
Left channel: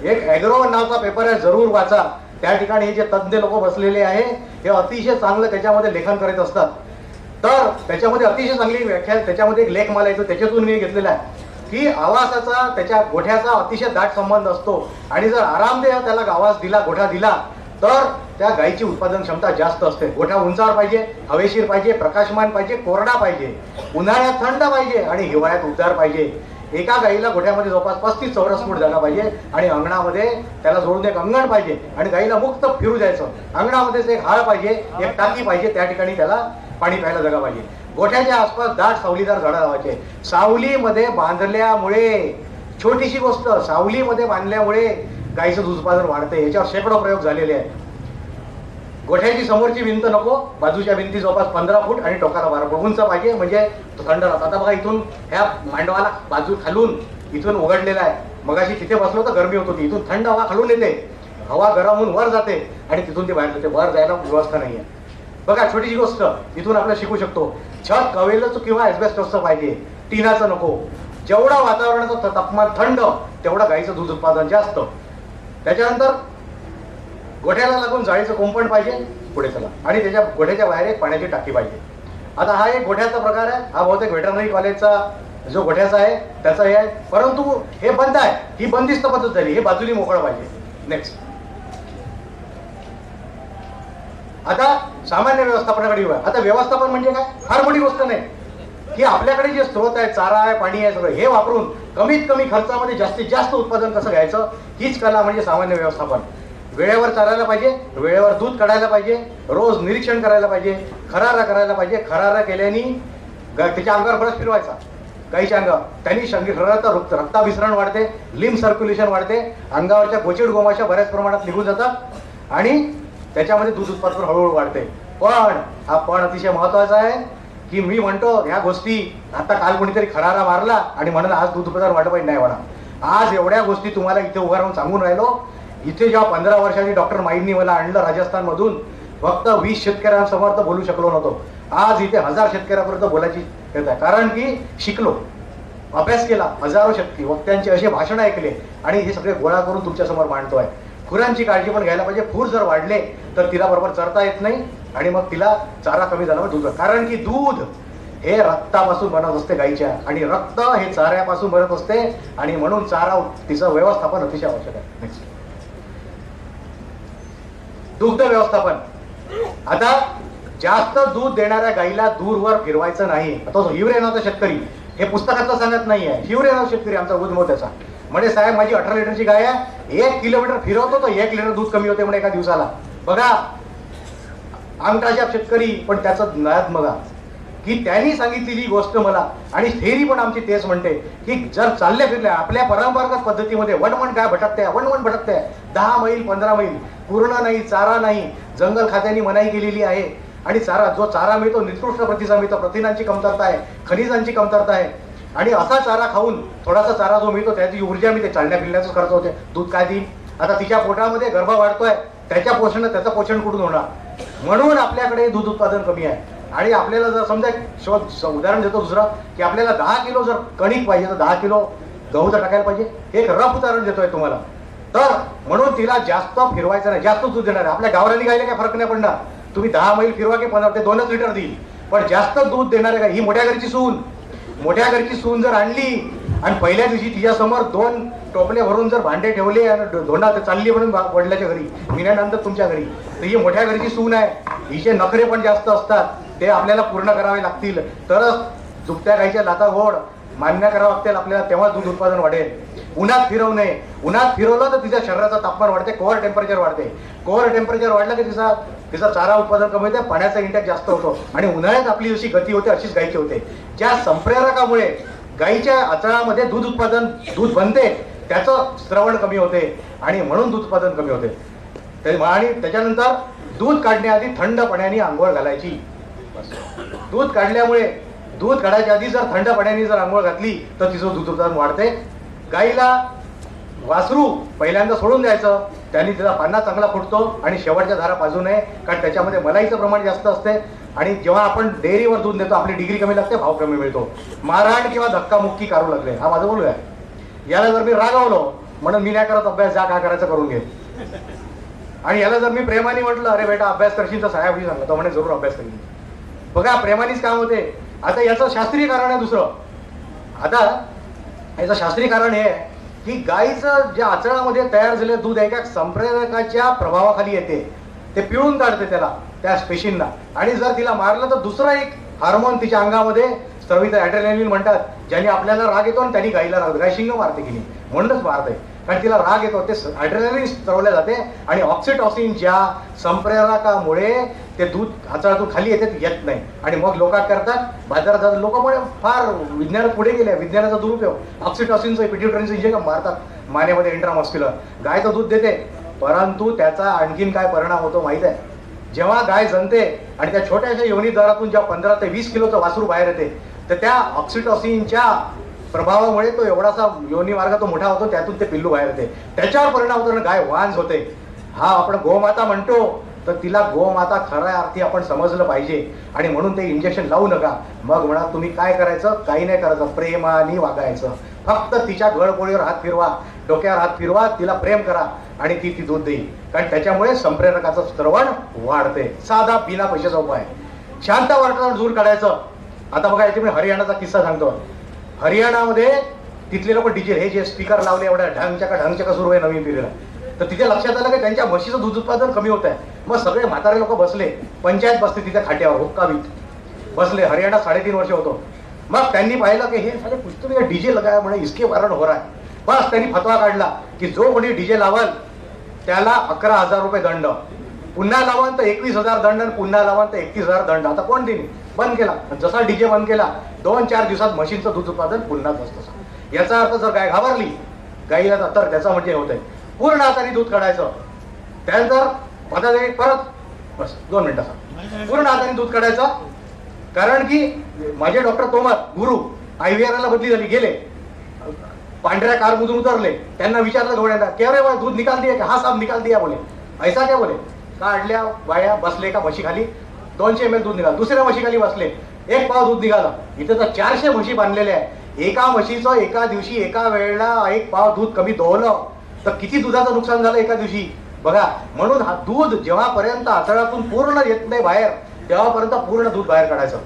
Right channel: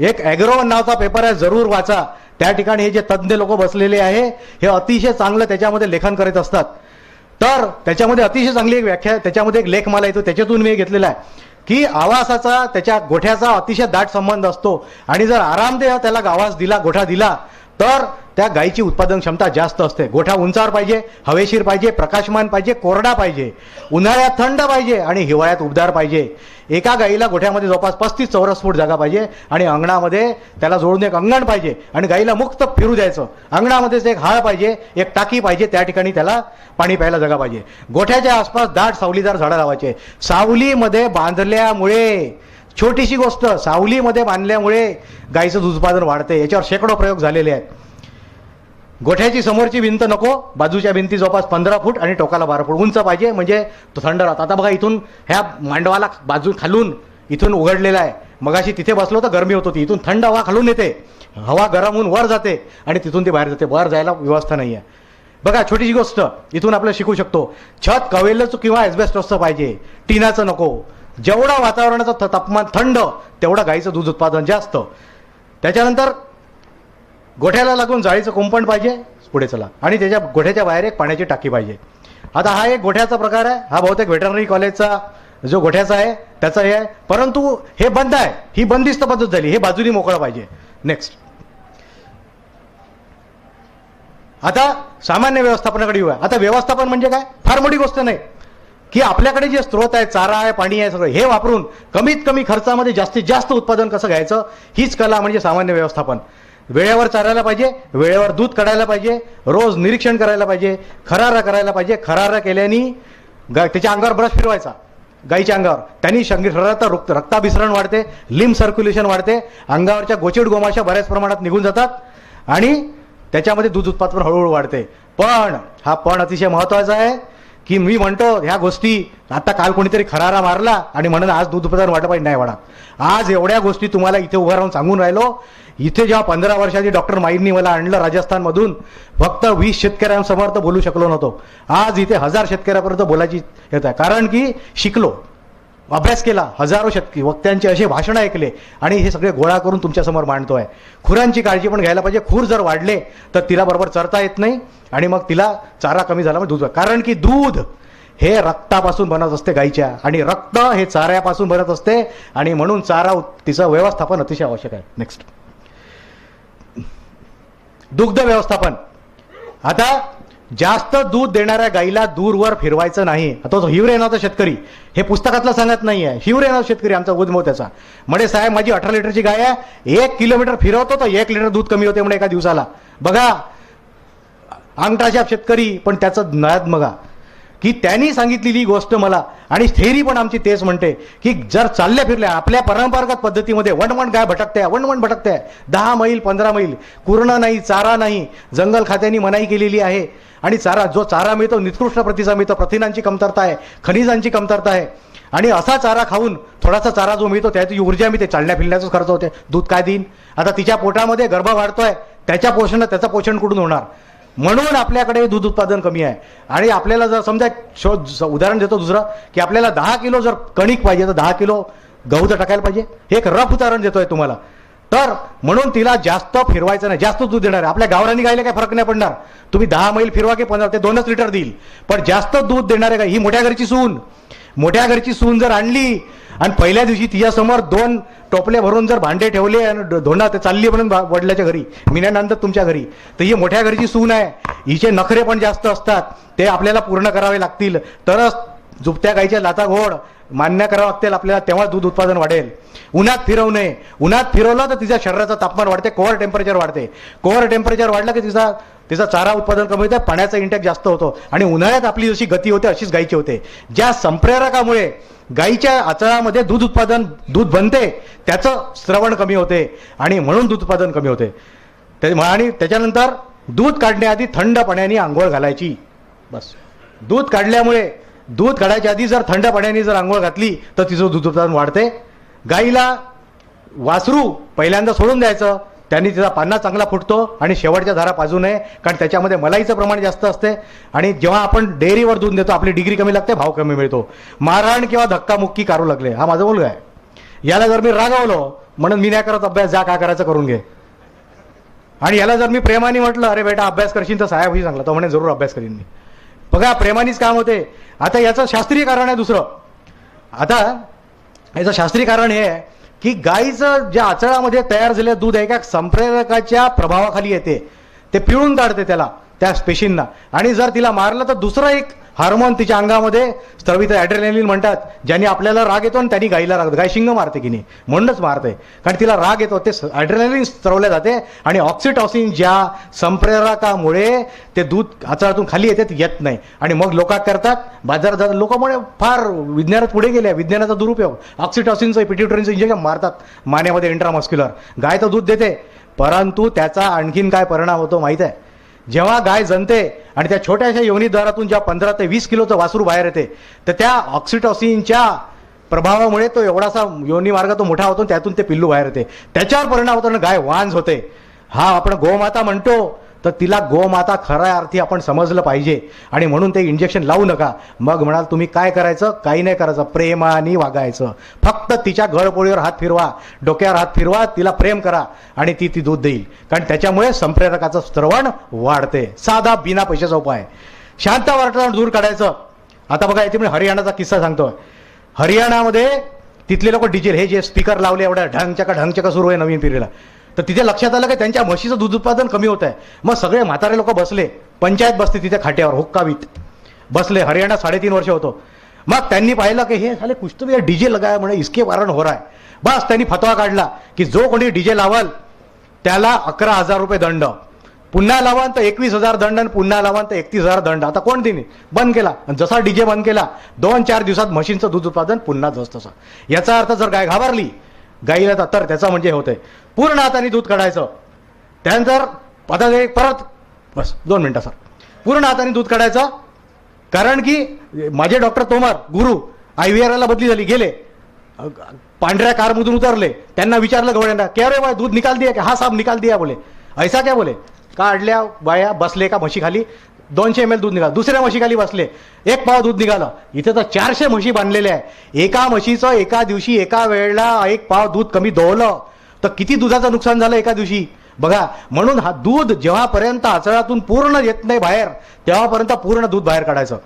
एक ॲग्रो नावाचा पेपर आहे, जरूर वाचा. त्या ठिकाणी हे जे तज्ज्ञ लोक बसलेले आहे हे अतिशय चांगलं त्याच्यामध्ये लेखन करीत असतात. तर त्याच्यामध्ये अतिशय चांगली व्याख्या आहे. त्याच्यामध्ये एक लेख मला येतो, त्याच्यातून मी घेतलेला आहे की आवासाचा, त्याच्या गोठ्याचा अतिशय दाट संबंध असतो. आणि जर आरामदेह त्याला आवास दिला, गोठा दिला, तर त्या गायीची उत्पादन क्षमता जास्त असते. गोठा उंचावर पाहिजे, हवेशीर पाहिजे, प्रकाशमान पाहिजे, कोरडा पाहिजे, उन्हाळ्यात थंड पाहिजे आणि हिवाळ्यात उबदार पाहिजे. एका गाईला गोठ्यामध्ये जवळपास 35 चौरस फूट जागा पाहिजे आणि अंगणामध्ये त्याला जोडून एक अंगण पाहिजे आणि गाईला मुक्त फिरू द्यायचं. अंगणामध्येच एक हाळ पाहिजे, एक टाकी पाहिजे, त्या ठिकाणी त्याला पाणी प्यायला जागा पाहिजे. गोठ्याच्या आसपास दाट सावलीदार झाडं लावायचे. सावलीमध्ये बांधल्यामुळे, छोटीशी गोष्ट, सावलीमध्ये बांधल्यामुळे गाईचं दूध उत्पादन वाढते. याच्यावर शेकडो प्रयोग झालेले आहेत. गोठ्याची समोरची भिंत नको, बाजूच्या भिंती जवळपास 15 फूट आणि टोकाला 12 फूट उंच पाहिजे, म्हणजे तो थंड राहतो. आता बघा इथून ह्या मांडवाला बाजू खालून इथून उघडलेला आहे. मगाशी तिथे बसलो तर गरमी होत होती. इथून थंड हवा खालून येते, हवा गरम होऊन वर जाते आणि तिथून ती बाहेर जाते. वर जायला व्यवस्था नाही आहे. बघा छोटीशी गोष्ट इथून आपल्याला शिकू शकतो. छत कवेलचं किंवा एस्बेस्टॉसचं पाहिजे, टिनाचं नको. जेवढा वातावरणाचं तापमान थंड तेवढा गाईचं दूध उत्पादन जास्त. त्याच्यानंतर गोठ्याला लागून जाळीचं कुंपण पाहिजे. पुढे चला. आणि त्याच्या गोठ्याच्या बाहेर एक पाण्याची टाकी पाहिजे. आता हा एक गोठ्याचा प्रकार आहे. हा बहुतेक व्हेटरनरी कॉलेजचा जो गोठ्याचा आहे त्याचा हे आहे. परंतु हे बंद आहे, ही बंदिस्त पद्धत झाली. हे बाजूनी मोकळं पाहिजे. नेक्स्ट. आता सामान्य व्यवस्थापनाकडे येऊया. आता व्यवस्थापन म्हणजे काय? फार मोठी गोष्ट नाही की आपल्याकडे जे स्रोत आहे, चारा आहे, पाणी आहे, सगळं हे वापरून कमीत कमी खर्चामध्ये जास्तीत जास्त उत्पादन कसं घ्यायचं, हीच कला म्हणजे सामान्य व्यवस्थापन. वेळेवर चालायला पाहिजे, वेळेवर दूध काढायला पाहिजे, रोज निरीक्षण करायला पाहिजे, खरारा करायला पाहिजे. खरारा केल्याने त्याच्या अंगावर ब्रश फिरवायचा गाईच्या अंगावर, त्यांनी शरीरात रक्ताभिसरण वाढते, लिम्फ सर्क्युलेशन वाढते, अंगावरच्या गोचिड गोमाशा बऱ्याच प्रमाणात निघून जातात आणि त्याच्यामध्ये दूध उत्पादन हळूहळू वाढते. पण हा पण अतिशय महत्वाचा आहे की मी म्हणतो ह्या गोष्टी आता काल कोणीतरी खरारा मारला आणि म्हणून आज दूध उत्पादन वाढत नाही वाढा. आज एवढ्या गोष्टी तुम्हाला इथे उभा राहून सांगून राहिलो. इथे जेव्हा 15 वर्षाची डॉक्टर माईंनी मला आणलं राजस्थानमधून, फक्त 20 शेतकऱ्यांसमोर तर बोलू शकलो नव्हतो. आज इथे 1000 शेतकऱ्यापर्यंत बोलायची येत आहे, कारण की शिकलो, अभ्यास केला, हजारो वक्त्यांचे असे भाषण ऐकले आणि हे सगळे गोळा करून तुमच्या समोर मांडतोय. खुरांची काळजी पण घ्यायला पाहिजे. खूर जर वाढले तर तिला बरोबर चरता येत नाही आणि मग तिला चारा कमी झाला मग दूध, कारण की दूध हे रक्तापासून बनत असते गाईच्या, आणि रक्त हे चाऱ्यापासून बनत असते, आणि म्हणून चारा तिचं व्यवस्थापन अतिशय आवश्यक आहे. नेक्स्ट, दुग्ध व्यवस्थापन. आता जास्त दूध देणाऱ्या गाईला दूरवर फिरवायचं नाही. तो हिवरेनाचा शेतकरी, हे पुस्तकातलं सांगत नाहीये, हिवरेनाचा शेतकरी आमचा उद्मोह त्याचा म्हणे, साहेब माझी 18 लिटरची गाय आहे, 1 किलोमीटर फिरवतो तर 1 लिटर दूध कमी होते म्हणे एका दिवसाला. बघा अंगठाच्या शेतकरी, पण त्याचं ज्ञान बघा की त्यांनी सांगितलेली गोष्ट मला, आणि थेरी पण आमची तेच म्हणते की जर चालल्या फिरल्या आपल्या परंपरागत पद्धतीमध्ये वणवण काय भटकते, वणवण भटकते, 10 मैल 15 मैल, पूर्ण नाही, चारा नाही, जंगल खात्याने मनाई केलेली आहे. आणि चारा जो चारा मिळतो निकृष्ट प्रतीचा मिळतो, प्रथिनांची कमतरता आहे, खनिजांची कमतरता आहे, आणि असा चारा खाऊन थोडासा चारा जो मिळतो त्याची ऊर्जा मिळते, चालण्या फिरण्याचा खर्च होते, दूध काय देईल. आता तिच्या पोटामध्ये गर्भ वाढतोय, त्याचं पोषण कुठून होणार. म्हणून आपल्याकडे दूध उत्पादन कमी आहे. आणि आपल्याला जर समजा उदाहरण देतो दुसरं, की आपल्याला 10 किलो जर कणिक पाहिजे तर 10 किलो गहू तर टाकायला पाहिजे. हे एक रफ उदाहरण देतोय तुम्हाला. तर म्हणून तिला जास्त फिरवायचं नाही, जास्त दूध देणार आहे. आपल्या गावरानी गायला काय फरक नाही पडणार, तुम्ही 10 मैल फिरवा की 15, ते 2च लिटर देईल. पण जास्त दूध देणारे काय, ही मोठ्या घरची सून जर आणली आणि पहिल्या दिवशी तिच्यासमोर 2 टोपले भरून जर भांडे ठेवले आणि धोंडा ते चालली म्हणून वडिलाच्या घरी, मिळाल्यानंतर तुमच्या घरी, तर ही मोठ्या घरची सून आहे. हिचे नखरे पण जास्त असतात, ते आपल्याला पूर्ण करावे लागतील, तरच झुपत्या गाईच्या लाथा घोड मान्य करावं लागतील आपल्याला, तेव्हा दूध उत्पादन वाढेल. उन्हात फिरवू नये. उन्हात फिरवलं तर तिच्या शरीराचं तापमान वाढते, कोअर टेम्परेचर वाढते. कोअर टेम्परेचर वाढलं की तिचा चारा उत्पादन कमी होते, पाण्याचा इंटेक जास्त होतो, आणि उन्हाळ्यात आपली जशी गती होते अशीच गायची होते. ज्या संप्रेरकामुळे गाईच्या आचळामध्ये दूध बनते त्याचं श्रवण कमी होते, आणि म्हणून दूध उत्पादन कमी होते. आणि त्याच्यानंतर दूध काढण्याआधी थंड पाण्याने आंघोळ घालायची. बस, दूध काढायच्या आधी जर थंड पाण्याने जर आंघोळ घातली तर तिचं दूध उत्पादन वाढते. गाईला वासरू पहिल्यांदा सोडून द्यायचं, त्यांनी तिचा पान्ना चांगला फुटतो, आणि शेवटच्या धारा पाजू नये, कारण त्याच्यामध्ये मलाईचं प्रमाण जास्त असते. आणि जेव्हा आपण डेअरीवर दूध देतो आपली डिग्री कमी लागते, भाव कमी मिळतो. मारहाण किंवा धक्कामुक्की करू लागले, हा माझं बोलू आहे. याला जर मी रागावलो म्हणून मी नाही करत अभ्यास, जा काय करायचं करून घे, आणि याला जर मी प्रेमाने म्हटलं अरे बेटा अभ्यास करशील तर साहेब ही सांगला, तो म्हणे जरूर अभ्यास करीन मी. बघा प्रेमानेच काम होते. आता याचं शास्त्रीय कारण आहे दुसरं. आता याचं शास्त्रीय कारण हे आहे की गाईचं ज्या आचळामध्ये तयार झालेलं दूध आहे का संप्रेरकाच्या प्रभावाखाली येते, ते पिळून काढते त्याला, त्या पेशींना, आणि जर तिला मारलं तर दुसरं एक हार्मोन तिच्या अंगामध्ये स्त्रवित, ॲड्रेनालिन म्हणतात, ज्याने आपल्याला राग येतो आणि त्यांनी गाईला राग, गाय शिंग मारते की नाही, म्हणूनच मारते, कारण तिला राग येतो, ते ॲड्रेनालिन स्त्रवले जाते, आणि ऑक्सिटॉसिन ज्या संप्रेरकामुळे ते दूध आचळातून खाली येत नाही. आणि मग लोक करतात बाजारात जातात, लोक फार विज्ञानात पुढे गेले, विज्ञानाचा दुरुपयोग, ऑक्सिटॉसिनचं पिट्युटरीचं इंजेक्शन मारतात मानेमध्ये इंट्रामस्क्युलर. गाय तर दूध देते, परंतु त्याचा आणखीन काय परिणाम होतो माहित आहे. जेव्हा गाय जणते आणि त्या छोट्याशा योनीद्वारातून जेव्हा 15 ते 20 किलोचं वासरू बाहेर येते, तर त्या ऑक्सिटॉसिनच्या प्रभावामुळे तो एवढासा योनी मार्ग तो मोठा होतो, त्यातून ते पिल्लू बाहेर येते, त्याच्यावर परिणाम होतो, गाय वांज होते. हा आपण गोमाता म्हणतो, तर तिला गोमाता खऱ्या अर्थी आपण समजलं पाहिजे, आणि म्हणून ते इंजेक्शन लावू नका. मग म्हणाल तुम्ही काय करायचं, काही नाही करायचं, प्रेमाने वागायचं. फक्त तिच्या घरपोळीवर हात फिरवा, डोक्यावर हात फिरवा, तिला प्रेम करा, आणि ती दूध देईल, कारण त्याच्यामुळे संप्रेरकाचं स्रवण वाढते. साधा बिना पैशाचा उपाय, शांत वातावरण दूर काढायचं. आता बघा इथे मी हरियाणाचा किस्सा सांगतोय. हरियाणामध्ये तिथले लोक डीजे, हे जे स्पीकर लावले एवढ्या ढंगचका सुरू आहे नवीन पिढीला, तर तिथे लक्षात आलं की त्यांच्या म्हशीचं दूध उत्पादन कमी होत आहे. मग सगळे म्हातारे लोक बसले, पंचायत बसते तिथे खाट्यावर हुक्कावीत बसले. हरियाणा 3.5 वर्ष होतो. मग त्यांनी पाहिलं की हे झाले कुछ तो डीजे लगाया म्हणे, इसके कारण हो रहा है. बस त्यांनी फतवा काढला की जो कोणी डीजे लावाल त्याला 11,000 रुपये दंड, पुन्हा लावाल तर 21,000 दंड, आणि पुन्हा लावाल तर 31,000 दंड. आता कोण दिली, बंद केला. जसा डीजे बंद केला 2-4 दिवसात म्हशींचं दूध उत्पादन पुन्हा तसा. याचा अर्थ जर गाय घाबरली, गाईला तर त्याचा म्हणजे होते पूर्ण हाताने दूध काढायचं. त्यानंतर आता एक परत बस 2 मिनिटाचा पूर्ण हाताने दूध काढायचं. कारण की माझे डॉक्टर तोमर गुरु IVR ला बदली झाली, गेले पांढऱ्या कारमधून उतरले. त्यांना विचारलं डोळ्यांना, क्या रे भाई दूध निकाल दिया क्या? हा साहब निकाल दिया बोले. ऐसा क्या बोले? काढल्या बाया, बसले का म्हशी खाली, 200 ml दूध निघालं. दुसऱ्या म्हशी खाली बसले, 1 पाव दूध निघालं. इथे तर 400 म्हशी बांधलेल्या आहे. एका म्हशीचं एका दिवशी एका वेळेला 1 पाव दूध कमी दोहलं तर किती दुधाचं नुकसान झालं एका दिवशी बघा. म्हणून हा दूध जेव्हापर्यंत आचळातून पूर्ण येत नाही बाहेर, तेव्हापर्यंत पूर्ण दूध बाहेर काढायचं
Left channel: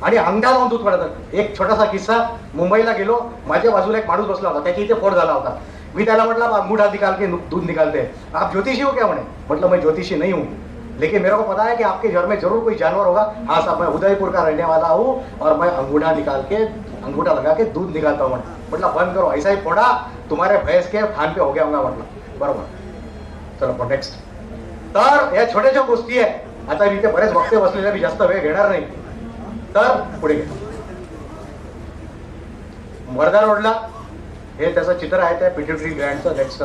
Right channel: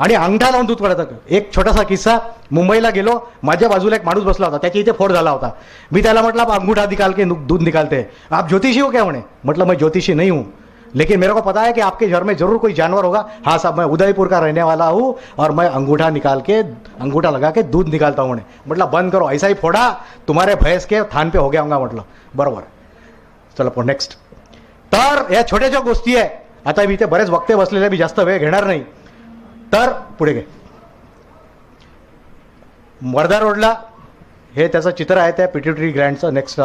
आणि अंगठा लावून दूध काढायचं. एक छोटासा किस्सा, मुंबईला गेलो, माझ्या बाजूला एक माणूस बसला होता, त्याच्या इथे फोड झाला होता. मी त्याला म्हटलं आप अंगूठा निकाल के दूध निकालते, आप ज्योतिषी हो क्या? म्हणे. म्हटलं मैं ज्योतिषी नहीं हूँ, लेकिन मेरे को पता है कि आपके घर में जरूर कोई जानवर होगा. हाँ साहब, मैं उदयपुर का रहने वाला हूँ और मैं अंगूठा लगा के दूध निकालता हूँ. म्हणे. म्हटलं बंद करो, ऐसा ही फोड़ा तुम्हारे भैंस के थान पे हो गया होगा. म्हटलं बरोबर. चला पण नेक्स्ट. तर या छोट्या ज्या गोष्टी आहे, आता मी इथे बरेच वक्ते बसलेले, मी जास्त वेळ घेणार नाही. तर पुढे घे. वर्धा रोडला हे त्याचं चित्र आहे त्या पिट्युटरी ग्लँडचं. नेक्स्ट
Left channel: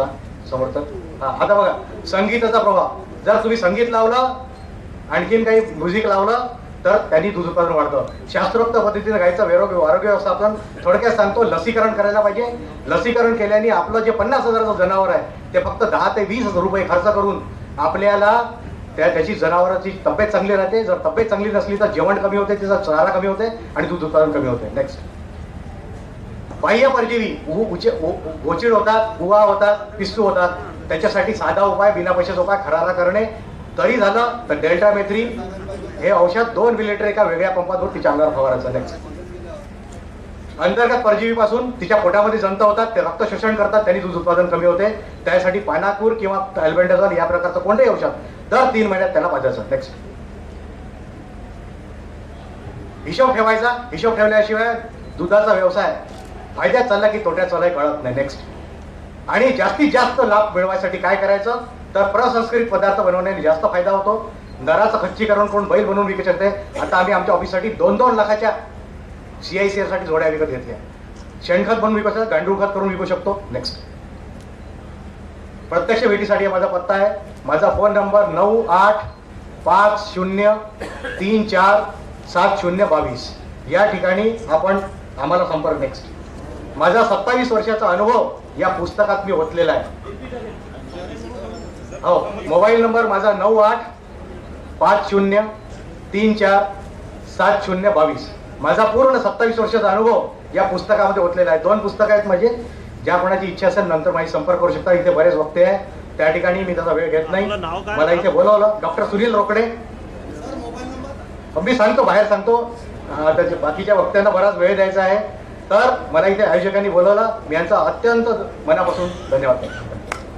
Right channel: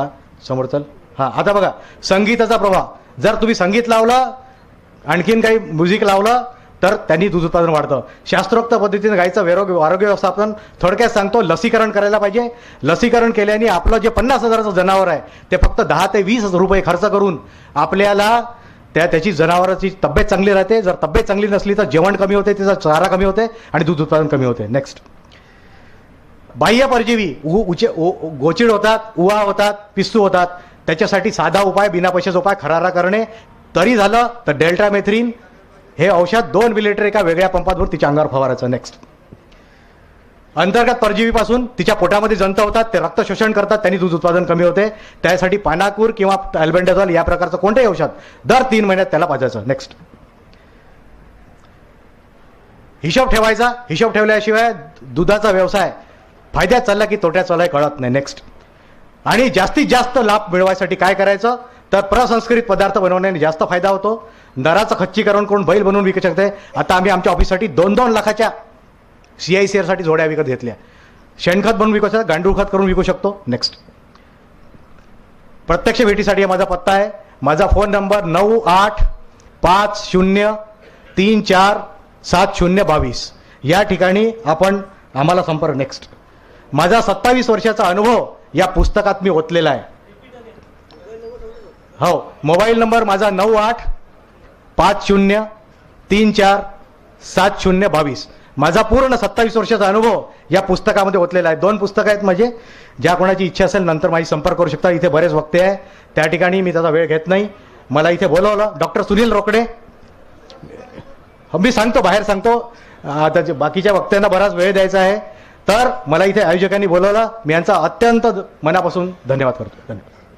समोरचं. हा आता बघा संगीताचा प्रभाव. जर तुम्ही संगीत लावलं, आणखीन काही म्युझिक लावलं तर त्यांनी दूध उत्पादन वाढतं. शास्त्रोक्त पद्धतीने गायचं आरोग्य व्यवस्थापन थोडक्यात सांगतो. लसीकरण करायला पाहिजे. लसीकरण केल्याने आपलं जे 50,000चं जनावर आहे ते फक्त 10 ते 20 रुपये खर्च करून आपल्याला त्याची जनावरांची तब्येत चांगली राहते. जर तब्येत चांगली नसली तर जेवण कमी होते, त्याचा चारा कमी होते आणि दूध उत्पादन कमी होते. नेक्स्ट. बाह्य परजीवी गोचिड होतात, उवा होतात, पिस्तू होतात. त्याच्यासाठी साधा उपाय, बिना पैशाचा उपाय खरारा करणे. तरी झालं तर डेल्टामेथ्रिन हे औषध 2 मिलीलीटर एका वेगळ्या पंपावर तिच्या अंगावर फवारायचं. नेक्स्ट. अंतर्गत परजीवीपासून तिच्या पोटामध्ये जंत होतात, ते रक्त शोषण करतात, त्यांनी दूध उत्पादन कमी होते. त्यासाठी पानाकूर किंवा अल्बेंडाझोल या प्रकारचं कोणतेही औषध दर 3 महिन्यात त्याला पाजायचं. नेक्स्ट. हिशोब ठेवायचा. हिशोब ठेवल्याशिवाय दुधाचा व्यवसाय फायद्यात चालला की तोट्यात चाललाय कळत नाही. नेक्स्ट. आणि जास्तीत जास्त लाभ मिळवायसाठी काय करायचं तर प्रसंस्करित पदार्थ बनवण्याने जास्त फायदा होतो. नराचं खच्चीकरण करून बैल बनवून विकू शकते. आता आम्ही आमच्या ऑफिससाठी 2-2 लाखाच्या CICR साठी जोड्या विकत घेतल्या. शेणखत बनवून विकू शकतो, गांडूळ खत करून विकू शकतो. नेक्स्ट. प्रत्यक्ष भेटीसाठी माझा पत्ता आहे. माझा फोन नंबर 9850347022. या ठिकाणी आपण आम्हाला संपर्क. नेक्स्ट. माझा 27 वर्षाचा अनुभव या पुस्तकात मी ओतलेला आहे. हो, मोबाईल नंबर माझा 9850347022. माझा पूर्ण 27 वर्षाचा अनुभव या पुस्तकामध्ये ओतलेला आहे. 2 पुस्तकं आहेत माझे. ज्या कोणाची इच्छा असेल नंतर माझी संपर्क करू शकता. इथे बरेच वक्ते आहे, त्या ठिकाणी मी त्याचा वेळ घेत नाही. मला इथे बोलवलं डॉक्टर सुनील रोकडे. मी सांगतो, बाहेर सांगतो, बाकीच्या वक्त्यांना बराच वेळ द्यायचा आहे. तर मला इथे आयोजकांनी बोलवलं, मी यांचा अत्यंत मनापासून धन्यवाद करतो.